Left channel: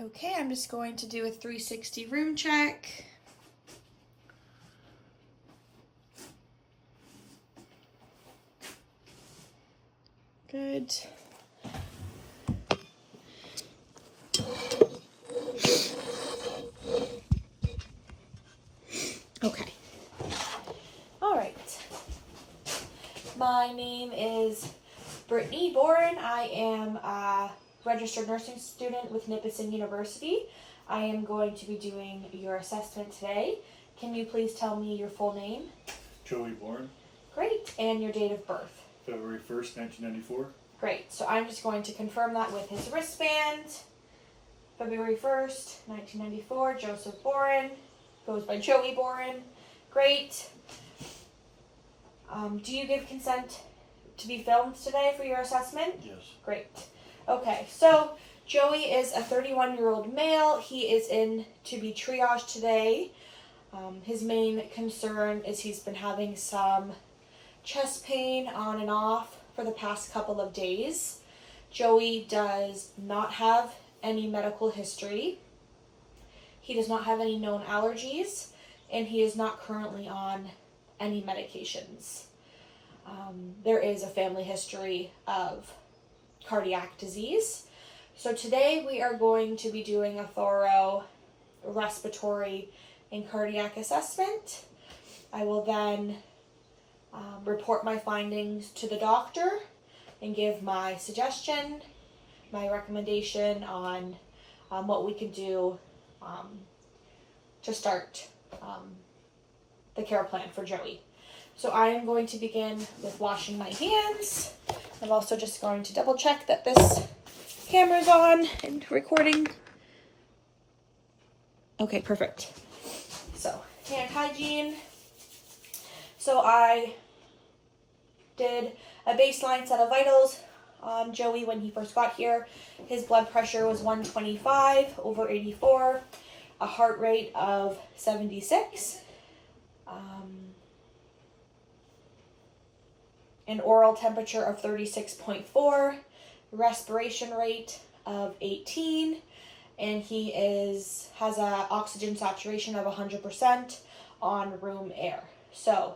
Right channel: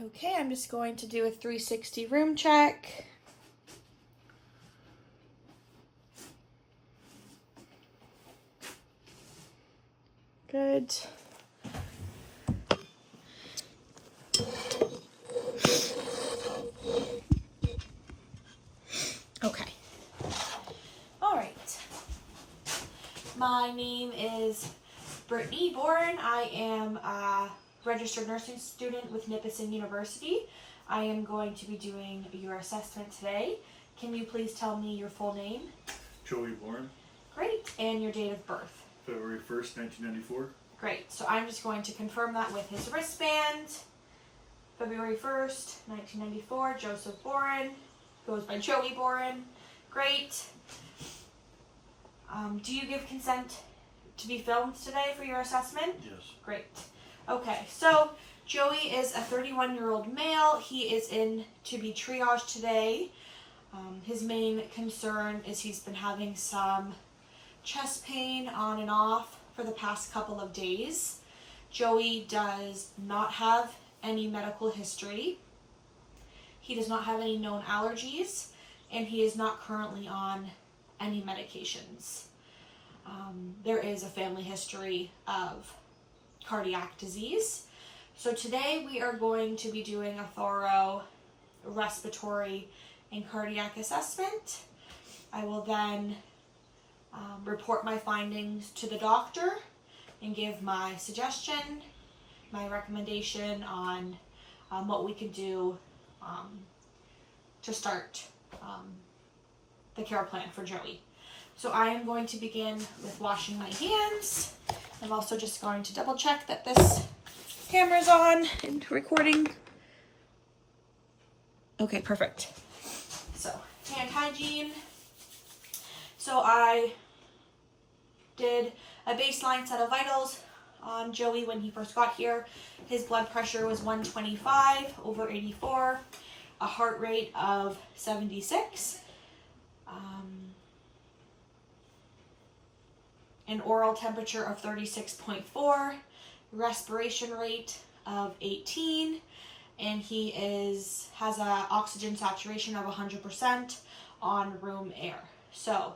Okay, I'm just going to do a 360 room check. Good. Okay. All right. My name is Brittany Boren. I am a registered nursing student with Nipissing University. I am going to be doing your assessment today. Can you please tell me your full name? Joey Bourne. Great. And your date of birth? February 1st, 1994. Great. So I'm just going to confirm that with his wristband. February 1st, 1994, Joseph Boren. Goes by Joey Boren. Great. Do you give consent to be filmed today for your assessment? Yes. Great. Okay, so Joey is a 31-year-old male. He is in to be triaged today. His main concern is he's been having some chest pain on and off for the past couple of days. Joey does not have any medical history. He does not have any known allergies, and he is not currently on any medications. There is a family history of cardiac disease. So today we are going to be doing a thorough respiratory and cardiac assessment. I will then report my findings to the doctor and give my suggestion, my recommendation on what we can do to start the care plan for Joey. So I am going to begin with washing my hands. I'm also just going to double check that this camera's on and recording. Okay, perfect. So, hand hygiene. So I did a baseline set of vitals on Joey when he first got here. His blood pressure was 125/84, a heart rate of 76, an oral temperature of 36.4, respiration rate of 18, and he has a oxygen saturation of 100% on room air. So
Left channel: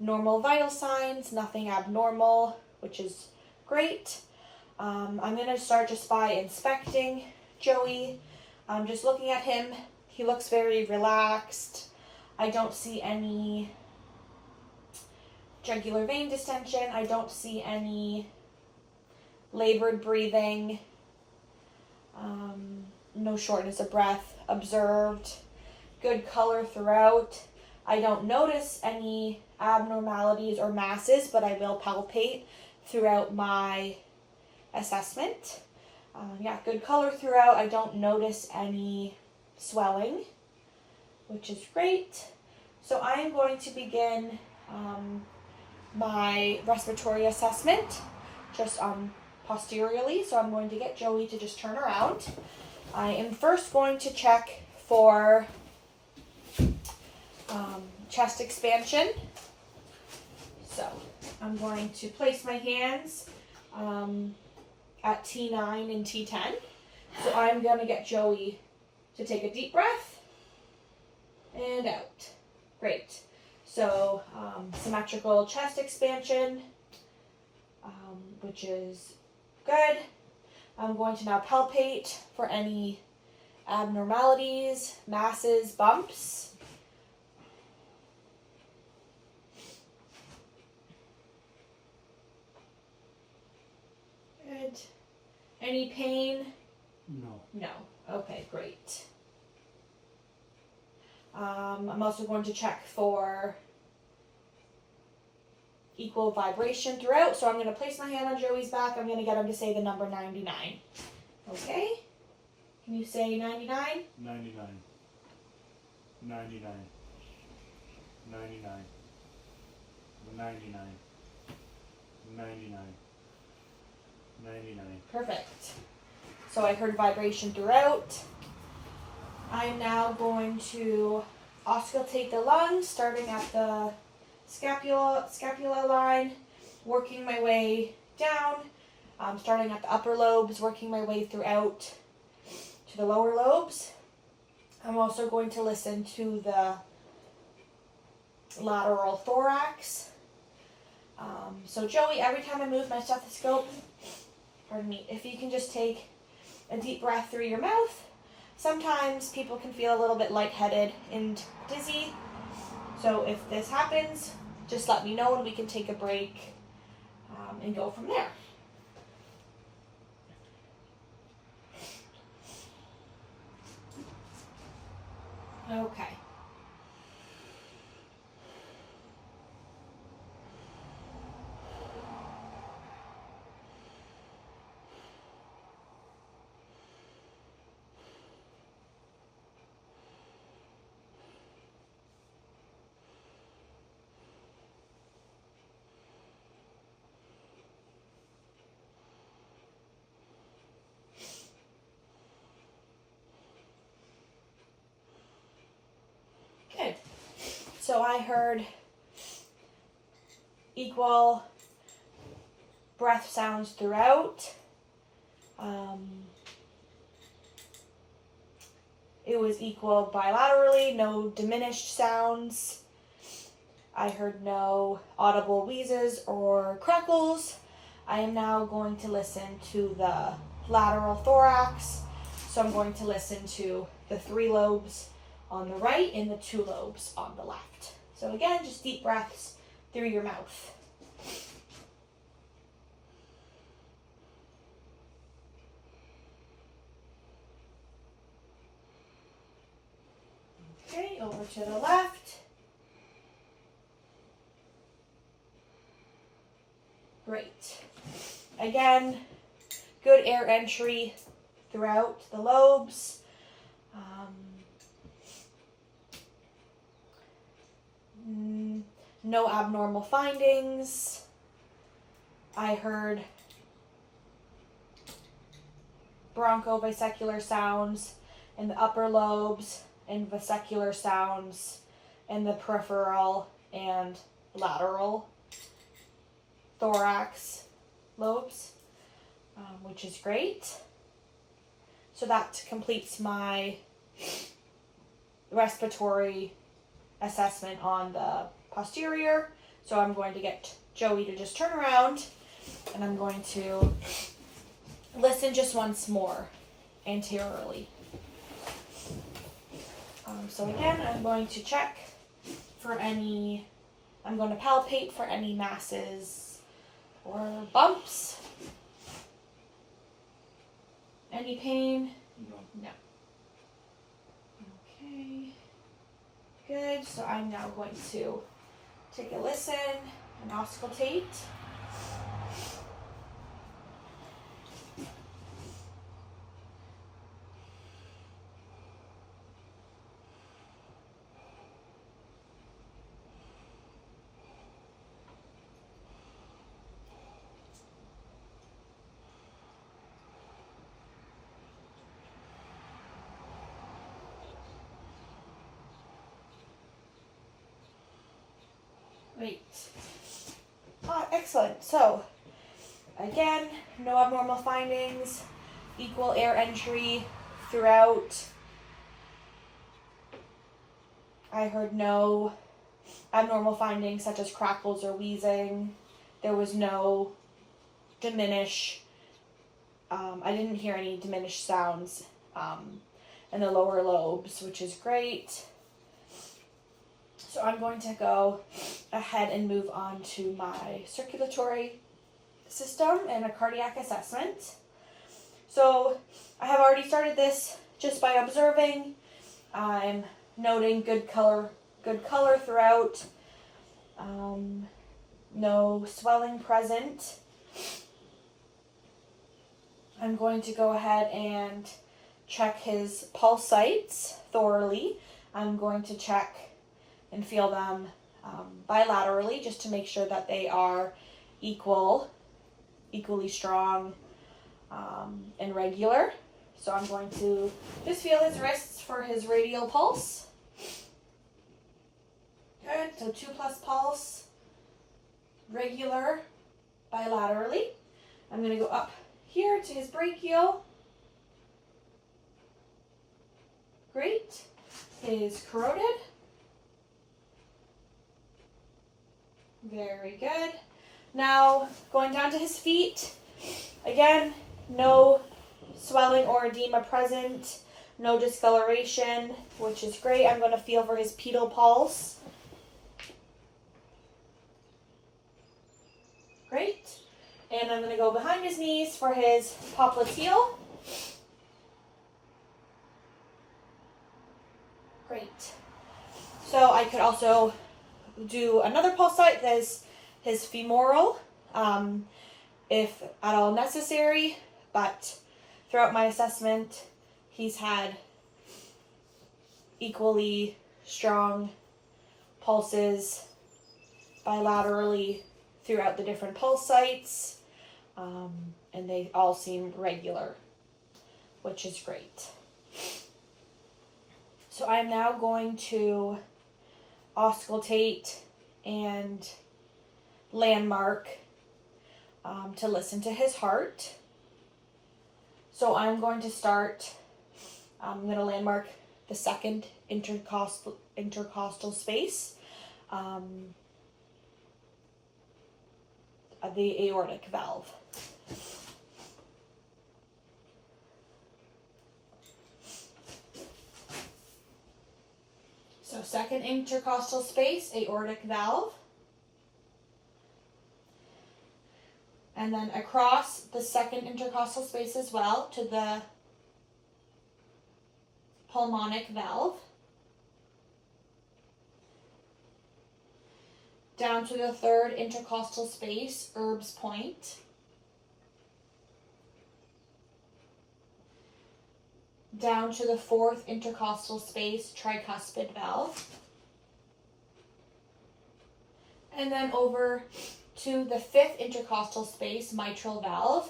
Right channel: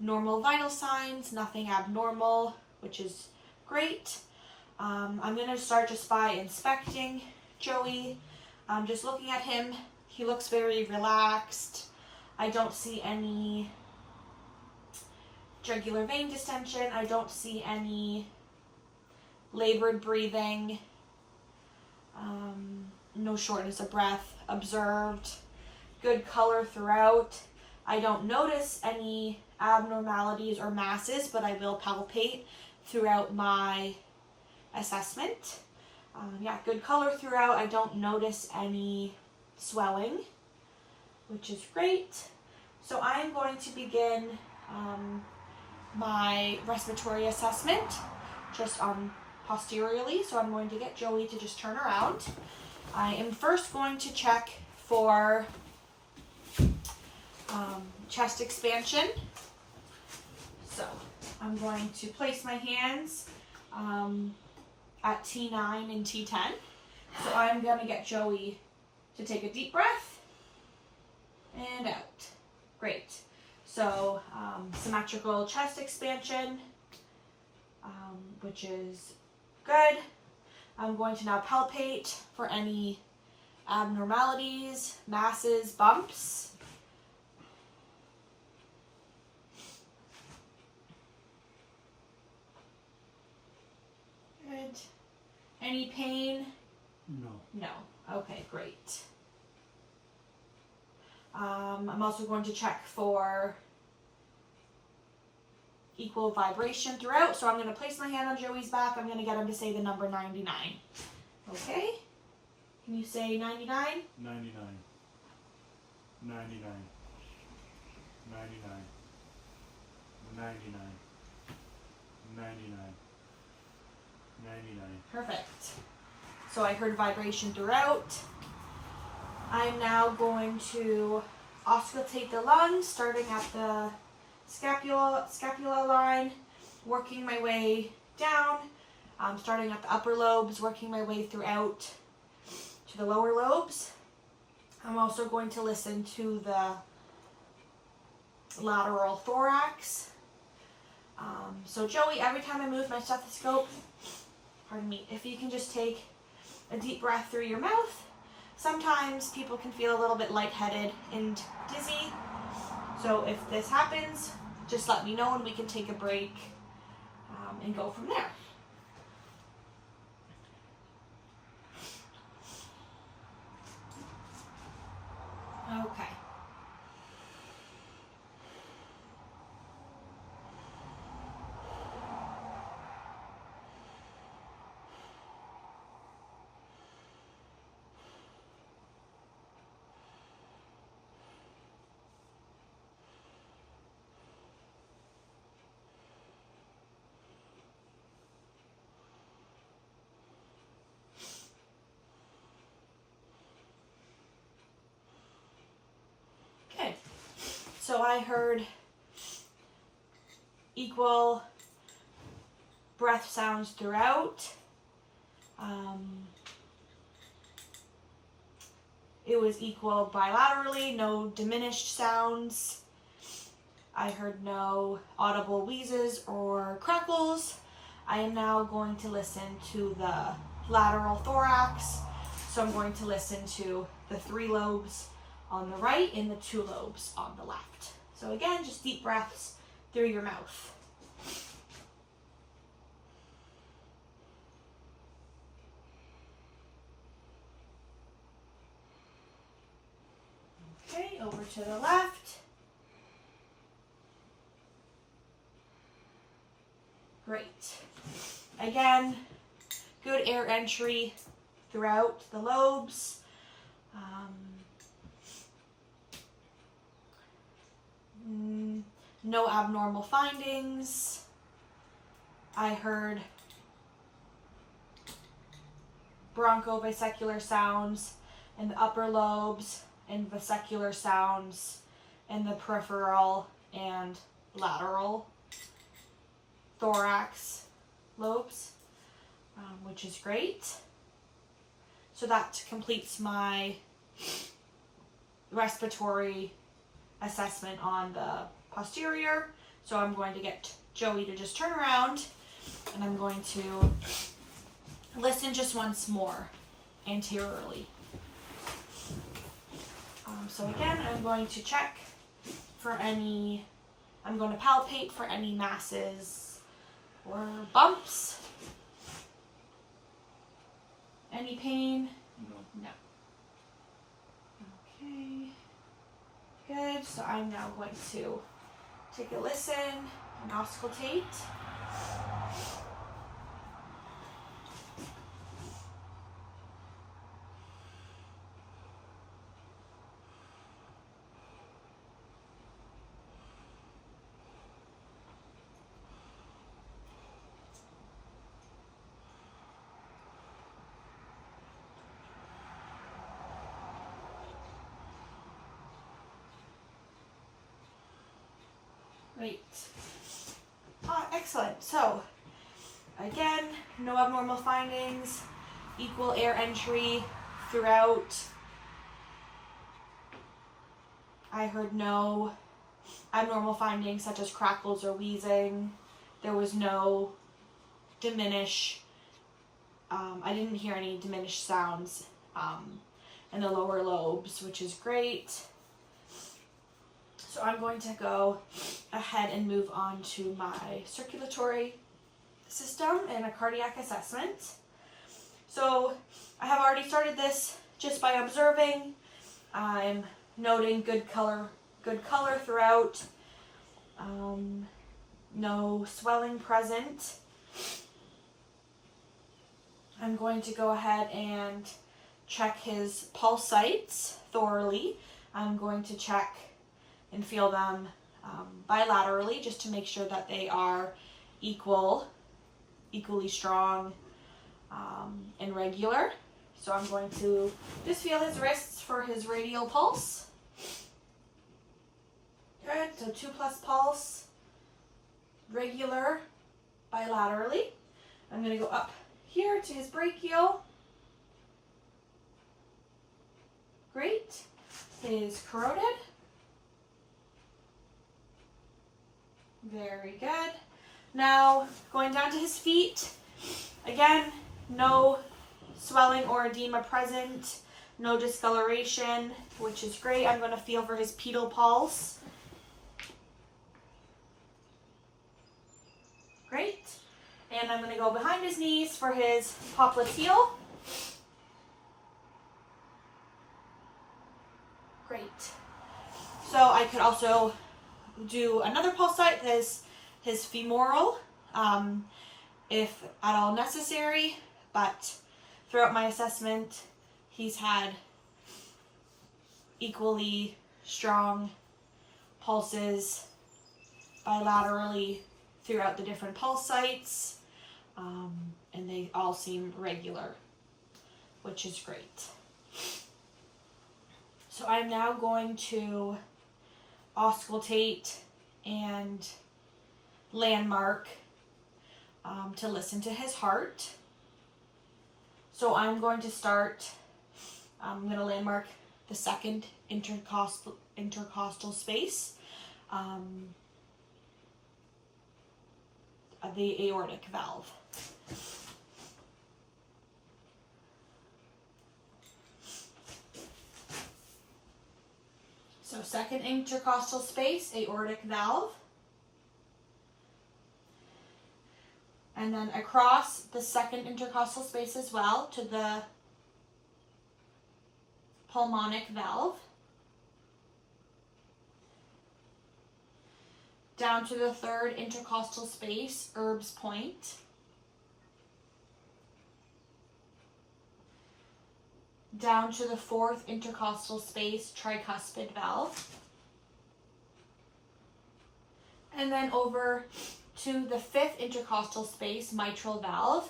normal vital signs, nothing abnormal, which is great. I'm going to start just by inspecting Joey. Just looking at him, he looks very relaxed. I don't see any jugular vein distension. I don't see any labored breathing. No shortness of breath observed. Good color throughout. I don't notice any abnormalities or masses, but I will palpate throughout my assessment. Good color throughout. I don't notice any swelling, which is great. So I am going to begin my respiratory assessment just posteriorly. So I'm going to get Joey to just turn around. I am first going to check for chest expansion. So I'm going to place my hands at T9 and T10. So I'm going to get Joey to take a deep breath and out. Great. So symmetrical chest expansion, which is good. I'm going to now palpate for any abnormalities, masses, bumps. Good. Any pain? No. No. Okay, great. I'm also going to check for equal vibration throughout. So I'm going to place my hand on Joey's back. I'm going to get him to say the number 99. Okay? Can you say 99? 99. 99. 99. 99. 99. 99. Perfect. So I heard vibration throughout. I'm now going to auscultate the lungs, starting at the scapula line, working my way down, starting at the upper lobes, working my way throughout to the lower lobes. I'm also going to listen to the lateral thorax. So Joey, every time I move my stethoscope, pardon me, if you can just take a deep breath through your mouth. Sometimes people can feel a little bit lightheaded and dizzy. So if this happens, just let me know and we can take a break and go from there. Okay. Good. So I heard equal breath sounds throughout. It was equal bilaterally, no diminished sounds. I heard no audible wheezes or crackles. I am now going to listen to the lateral thorax. So I'm going to listen to the 3 lobes on the right and the 2 lobes on the left. So again, just deep breaths through your mouth. Okay, over to the left. Great. Again, good air entry throughout the lobes. No abnormal findings. I heard bronchobasicular sounds in the upper lobes and vesicular sounds in the peripheral and lateral thorax lobes, which is great. So that completes my respiratory assessment on the posterior. So I'm going to get Joey to just turn around and I'm going to listen just once more anteriorly. So again, I'm going to check for any, I'm going to palpate for any masses or bumps. Any pain? No. No. Okay. Good. So I'm now going to take a listen and auscultate. Great. Excellent. So, again, no abnormal findings, equal air entry throughout. I heard no abnormal findings such as crackles or wheezing. There was no diminish. I didn't hear any diminished sounds in the lower lobes, which is great. So I'm going to go ahead and move on to my circulatory system and a cardiac assessment. So I have already started this just by observing. I'm noting good color throughout. No swelling present. I'm going to go ahead and check his pulse sites thoroughly. I'm going to check and feel them bilaterally just to make sure that they are equally strong and regular. So I'm going to just feel his wrists for his radial pulse. Good, so 2+ pulse, regular, bilaterally. I'm going to go up here to his brachial. Great. Is corroded. Very good. Now, going down to his feet. Again, no swelling or edema present. No discoloration, which is great. I'm going to feel for his pedal pulse. Great. And I'm going to go behind his knees for his popliteal. Great. So I could also do another pulse site that is his femoral, if at all necessary, but throughout my assessment, he's had equally strong pulses bilaterally throughout the different pulse sites, and they all seem regular, which is great. So I'm now going to auscultate and landmark to listen to his heart. So I'm going to start, I'm going to landmark the second intercostal space, the aortic valve. So second intercostal space, aortic valve. And then across the second intercostal space as well to the pulmonic valve. Down to the third intercostal space, Erb's point. Down to the fourth intercostal space, tricuspid valve. And then over to the fifth intercostal space, mitral valve,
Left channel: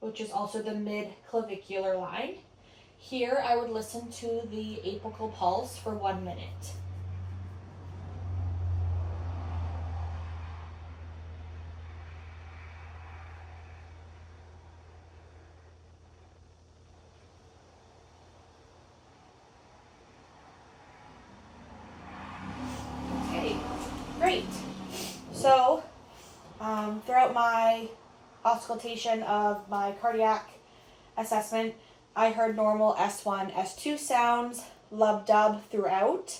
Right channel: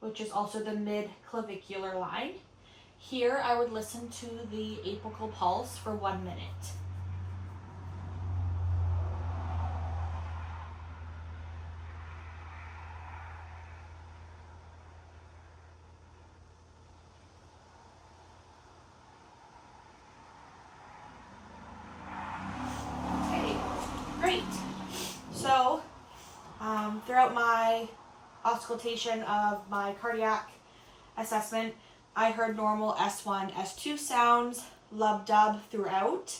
which is also the mid-clavicular line. Here I would listen to the apical pulse for 1 minute. Okay, great. So, throughout my auscultation of my cardiac assessment, I heard normal S1, S2 sounds, lub-dub throughout.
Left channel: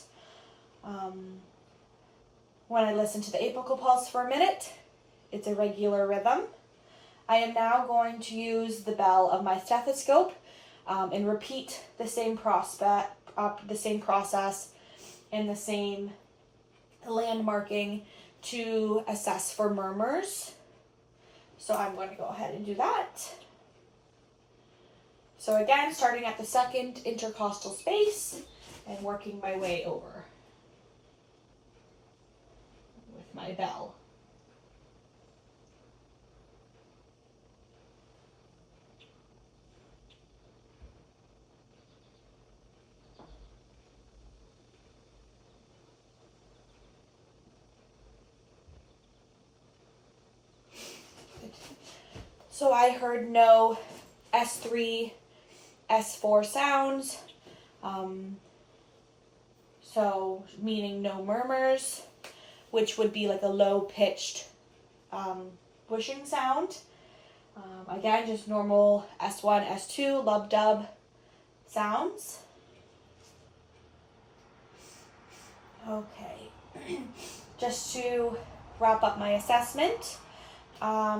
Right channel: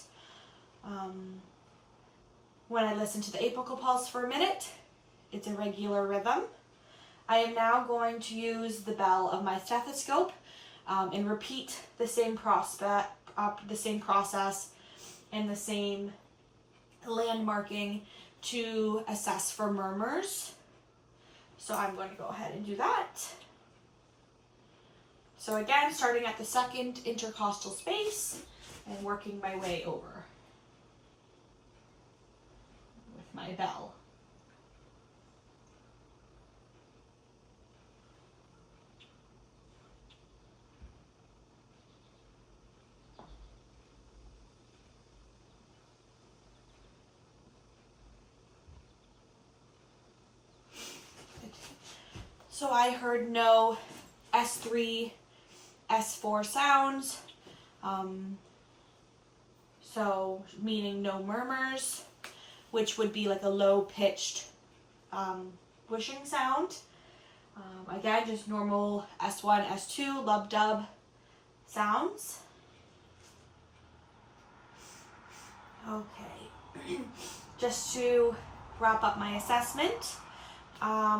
When I listened to the apical pulse for a minute, it's a regular rhythm. I am now going to use the bell of my stethoscope and repeat the same process and the same landmarking to assess for murmurs. So I'm going to go ahead and do that. So again, starting at the second intercostal space and working my way over with my bell. So I heard no S3, S4 sounds, so meaning no murmurs, which would be like a low-pitched whooshing sound. Again, just normal S1, S2, lub-dub sounds. Okay, just to wrap up my assessment,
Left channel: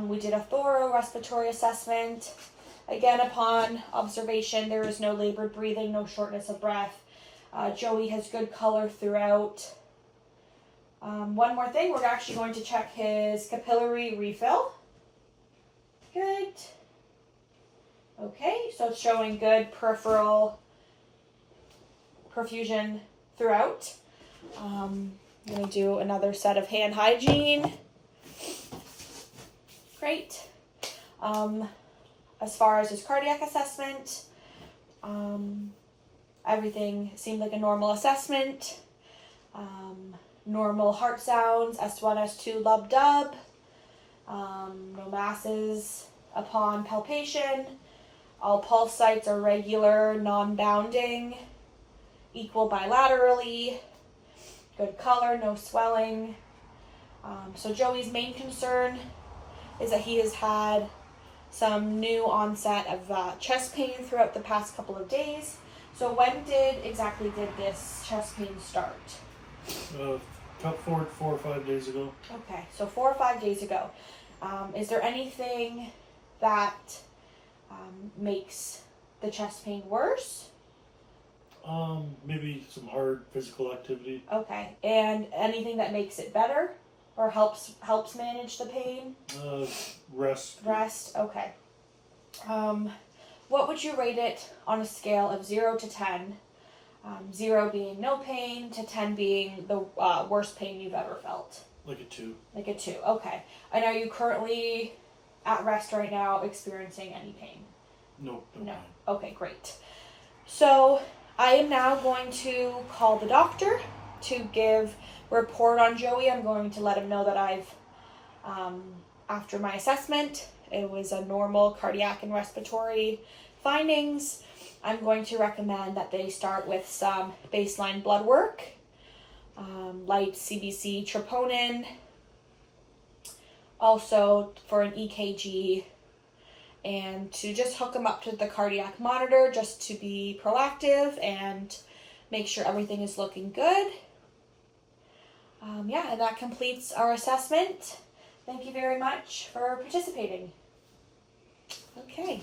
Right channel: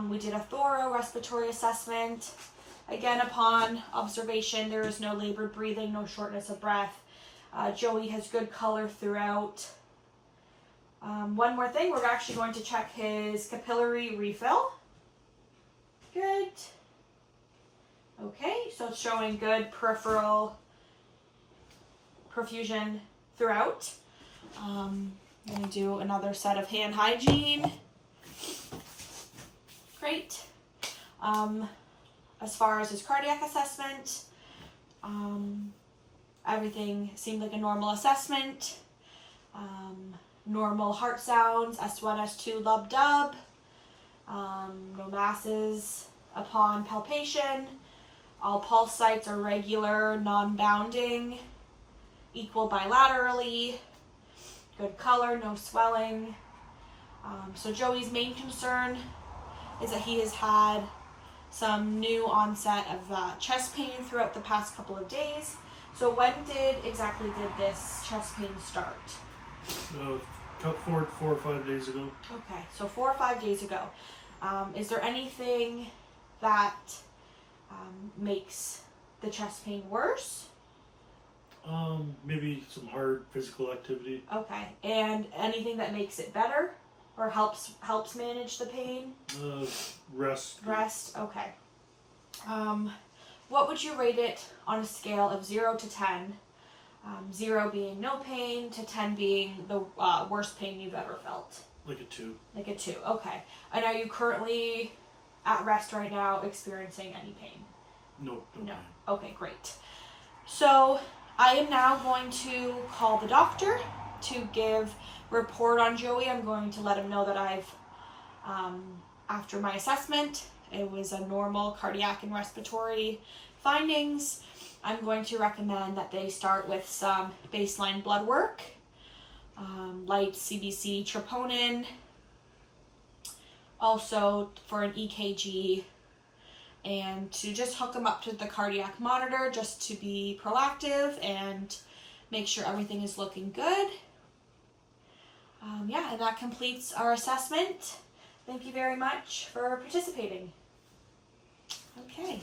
we did a thorough respiratory assessment. Again, upon observation, there is no labored breathing, no shortness of breath. Joey has good color throughout. One more thing, we're actually going to check his capillary refill. Good. Okay, so it's showing good peripheral perfusion throughout. I'm going to do another set of hand hygiene. Great. As far as his cardiac assessment, everything seemed like a normal assessment. Normal heart sounds, S1, S2, lub-dub. No masses upon palpation. All pulse sites are regular, non-bounding. equal bilaterally, good color, no swelling. So Joey's main concern is that he has had some new onset of chest pain throughout the past couple of days. So when exactly did this chest pain start? Cut forward 4 or 5 days ago. Okay, so 4 or 5 days ago. Is there anything that makes the chest pain worse? Maybe some hard physical activity. Okay, and anything that makes it better or helps manage the pain? Rest. Rest. Okay. What would you rate it on a scale of 0 to 10? 0 being no pain, to 10 being the worst pain you've ever felt. Like a 2. Like a 2. Okay. And are you currently at rest right now, experiencing any pain? No. No. Okay, great. So I am now going to call the doctor to give report on Joey. I'm going to let him know that I've, after my assessment, it was a normal cardiac and respiratory findings. I'm going to recommend that they start with some baseline blood work, light CBC troponin, also for an EKG, and to just hook them up to the cardiac monitor just to be proactive and make sure everything is looking good. Yeah, and that completes our assessment. Thank you very much for participating. Okay.